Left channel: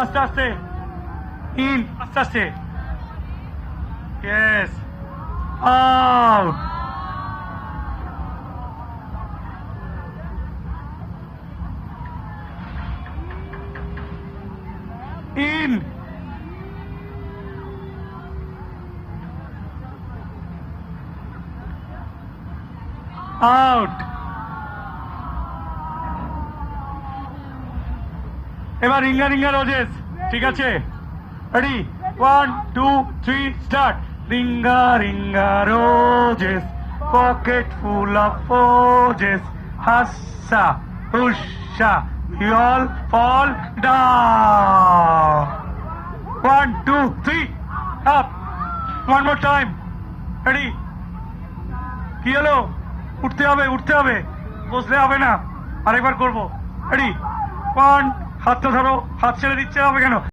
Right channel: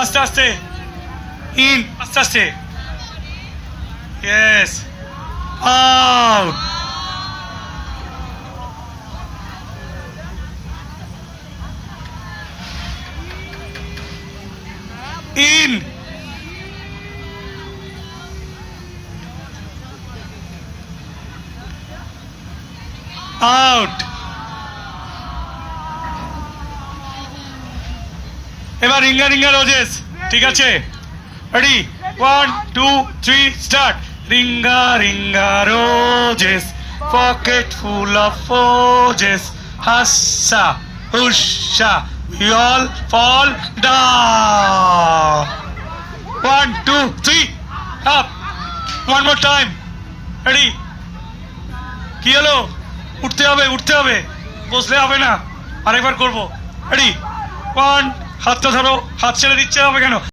আস্তে আস্তে ইন, আস্তে আস্তে, ইয়েস, আউট, ইন, আউট। এবার রিঙ্গা রিঙ্গা রোজেস, ঠিক আছে, রেডি, 1 2 3 start. Ring a ring a roses, pocket full of roses, হাসা হুসা, we all fall down. 1 2 3 up, one more time, ready, কি হলো? উঠতে হবে, উঠতে হবে, বসলে হবে না, আরেকবার করবো, রেডি, 1, হাতটা ধরো, হাত ছেড়ে দিচ্ছে হবে কেন?